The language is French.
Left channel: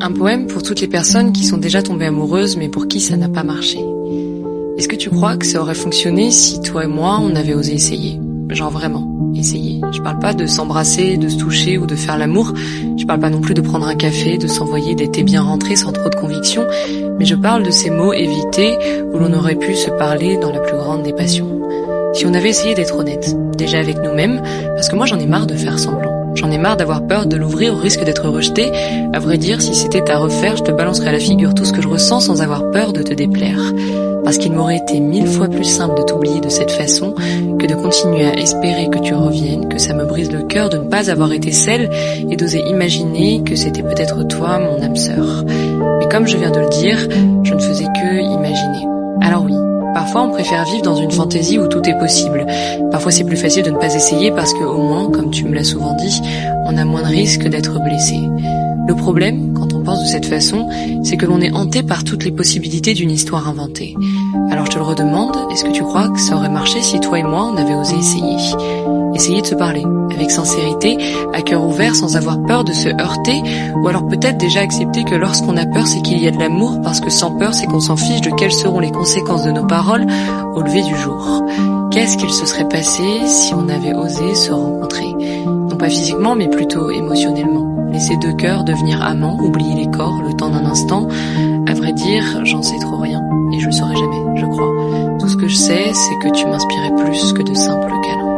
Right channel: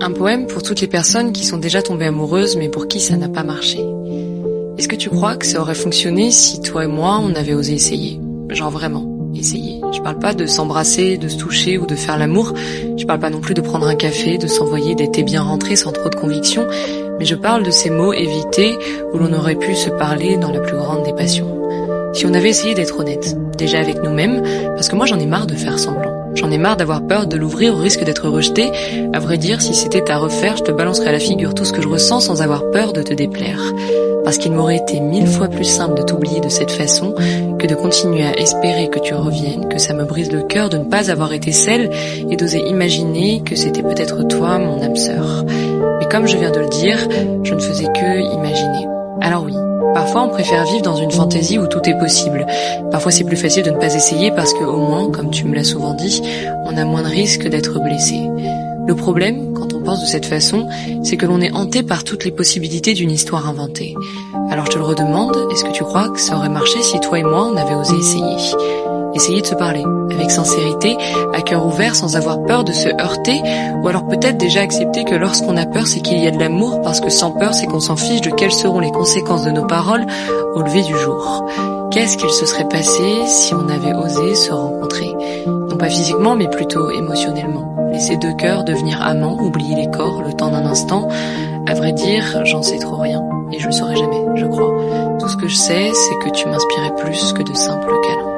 Un poème pour toutes les personnes qui sont déjà tombées amoureuses mais pour qui ça n'a pas marché. Est-ce que tu crois que ça aurait fonctionné si toi et moi on avait osé essayer? Genre vraiment, essayer. Je parle pas de s'embrasser, de se toucher ou de faire l'amour. Je parle pas non plus de prendre un café, de s'envoyer des thés bien rentrés sans trop de conviction. Mais je parle de ces mots évités où l'on aurait pu se parler dans la plus grande des passions. Si on avait essayé d'être honnête, déjà avec nous-mêmes, parce que moi j'en ai marre de faire semblant. J'en ai marre d'avoir peur de l'ouvrir au risque d'être rejeté. À vrai dire, si c'était à refaire, je te balancerais à la figure tout ce que je ressens sans avoir peur de te déplaire. Parce qu'il m'aurait été 1000 fois plus simple de t'oublier de cette façon que de continuer à espérer que tu reviennes, que ça me brise le cœur de ne pas avoir été celle et d'oser imaginer que c'était peut-être toi, mon âme sœur. Mais comme je viens de le dire, je ne faisais que imaginer. Alors oui. Parfois, on préfère vivre dans une fantaisie où tout est possible. Parfois, c'est plus facile de ne pas essayer parce que, au moins, comme tu me l'as souvent dit, on a moins de risques d'être blessé. Le problème, quand on pense de cette façon, c'est que l'on est hanté par toutes les possibilités d'une histoire inventée. Alors je te le redemande, est-ce que tu crois que ça aurait marché si toi et moi, on avait osé essayer? Essayer de se parler, avec sincérité, à cœur ouvert, sans avoir peur de se heurter, ou alors peut-être déjà accepter que lorsqu'on a peur, c'est qu'il y a de l'amour, parce que sans peur, c'est qu'on s'en fiche de quelles seront les conséquences de nos paroles au lever du jour. Qu'est-ce qu'il se serait passé si on avait osé se rencontrer? Non pas physiquement, mais plutôt émotionnellement. Laisser deux cœurs devenir amants, oublier les corps le temps d'un instant. À vrai dire, j'en sais trop rien, et je le saurai jamais, je crois. Tout ce que je sais, c'est que tu m'inspirais plus que de simples câlins.